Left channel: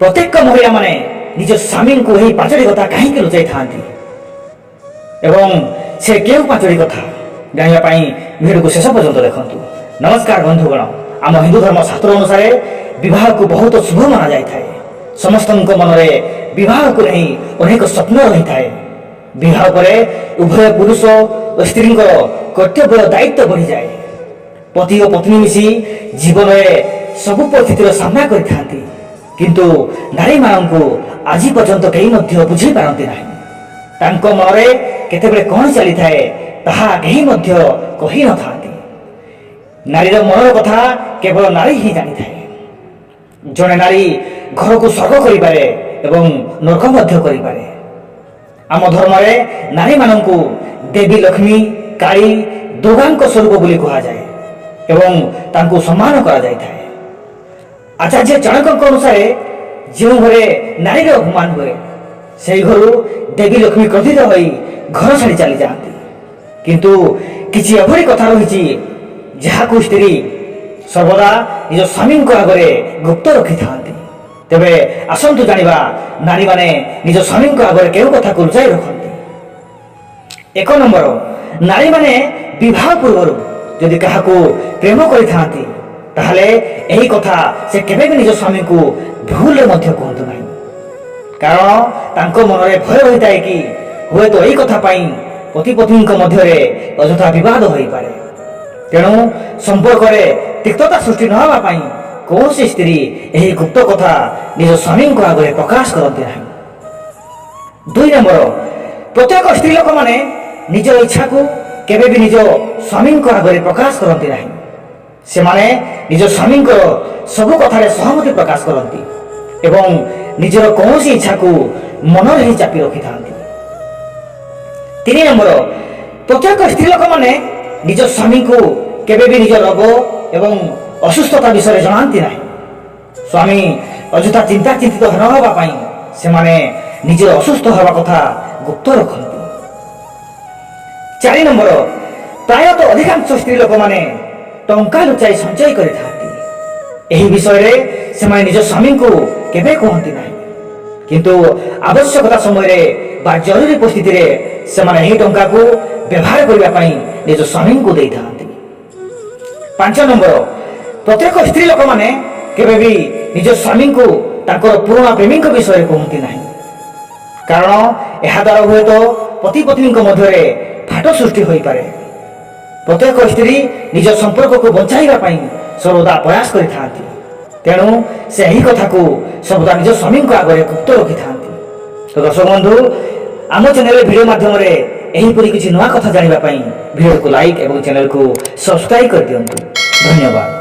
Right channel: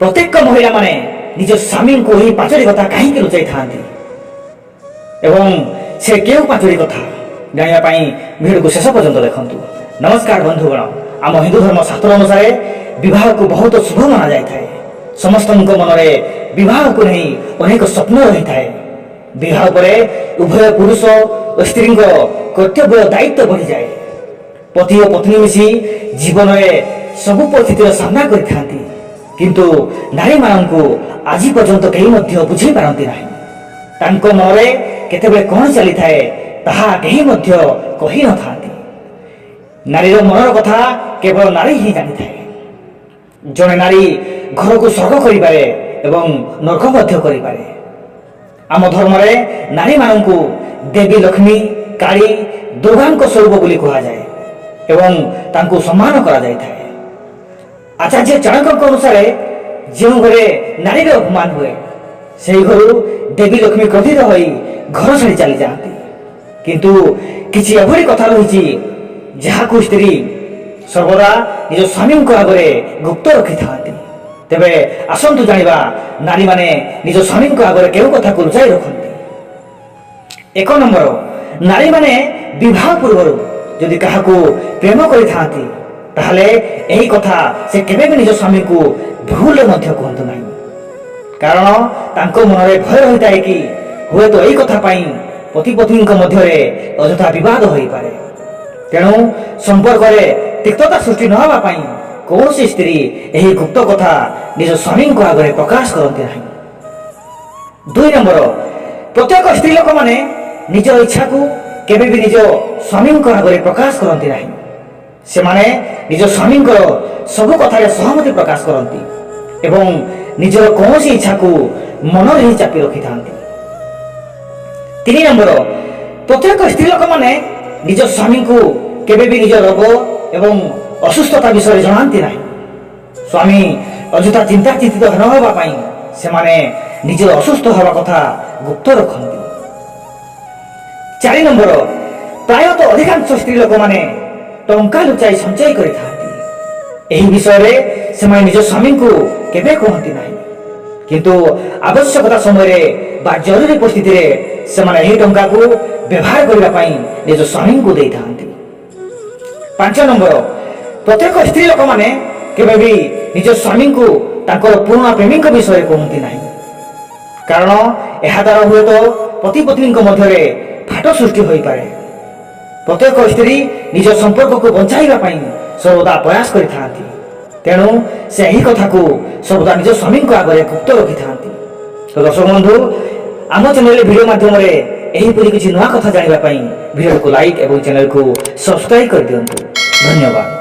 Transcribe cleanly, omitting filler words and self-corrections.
प्रत्येक महिला माने निज स्वामी को ही पांचटी कथा कहीं लुचाई था से क्यों पांचटी कथा जानापी भिडियो को शेष पर्यंत देखु। नमस्कार बंधुगण, आम हिंदू धर्म शास्त्र अनुसार विवाह को बहुत शुभ माना जाए। समस्त मन में विवाह को नहीं अनेक स्वप्न रही है। विवाह पर उभय पुरुष और स्त्री कर्तव्य दायित्व बढ़ी जाए। पति और पत्नी मिसी जीवन में सबु परिस्थितिर सामना करती, किंतु नारी मानू आज पर्यंत कई बुझी पारती ना। तांको मन में केतेबेले कौन चली थाए ताहा कहीं कही न था। नारीर मनर कथा केवल नारी ही जानी थाए। जड़े नारी घर को स्वर्ग करिपारे एवं नरक मध्य करिपारे। आम धर्म रे नारी मानू देवी लक्ष्मी काली दुर्गा स्वरूप बोली कहा जाए एवं तांको सम्मान करा जाय थाए। आचार्य चाणक्य अनुसार जो घरे नारीर अपमान हुए से घर देवी लक्ष्मी क्रोधित हो घर छाड़ी चली जाती, किंतु किसी एभली कथा रही जहां स्त्री सर्वदा निज स्वामी आगे गुप्त रखी था। तेबे आसंतु जानिबा नारी माने निज स्वामी आगे केउ कथा को लुचाई रखती। एक नंबर, नारी माने विवाह पूर्व जदि काहाकू प्रेम करिथांती ताहले एही कथा से केबे भी निज स्वामी को भूल मध्य कहतु नहीं। कारण तांको मन में भय रही है कि हुए तो यही कथा पाई पति पत्नी मध्य अଯଥା विवाद हो पारे। तेणु संपर्क में तिक्तता सृष्टि न होगा पाई कौन सी स्त्री यही गुप्त कथा निज स्वामी को आगे प्रकाश करती नहीं। 2 नंबर, प्रत्येक स्त्री लोक माने निजर इच्छा को केबे भी निज स्वामी आगे प्रकाश करती नहीं। से माने निज स्वामी सबु कथार सहमति प्रकाश करती एवं निजर कौन सी इच्छा को मन ही चापी रखी था। 3 नंबर, प्रत्येक स्त्री लोक माने निज स्वामी को केबे भी निज रोग एवं असुस्थता विषय जानती नहीं। स्वामी अଯଥା चिंता चिंतित न होगा पाई से माने निजर असुस्थ होगा कथा गुप्त रखती। 4 नंबर, प्रायतः अधिकांश स्त्री लोक माने टंका लुचाई संचय करिथांती। एही विषय रे से माने निज स्वामी को केबे कहती नहीं, किंतु आवश्यकता समय रे बा जरूरी परिस्थिति रे से माने एही टंका को व्यवहार करबा पई निज स्वामी को देई थांती। 5 नंबर, प्रत्येक स्त्री लोक माने केबे भी निज स्वामी को तांकर पुराना प्रेमी विषय कहती नहीं। कारण यह द्वारा हुए तो पति पत्नी मध्य फाट सृष्टि हो पारे। प्रत्येक स्त्री निज संपर्क को बंचाइबा पई सर्वदा प्रयास करिथांती। तेणु से यही कथा को सर्वदा निज स्वामी को आगे गुप्त रखी था। तो दर्शक बंधु, आम चैनल वीडियो माध्यम एहीपरि किसी नुआ कथा जानिबा पई वीडियो को लाइक एवं चैनल को सब्सक्राइब कर दियंतु। धन्यवाद।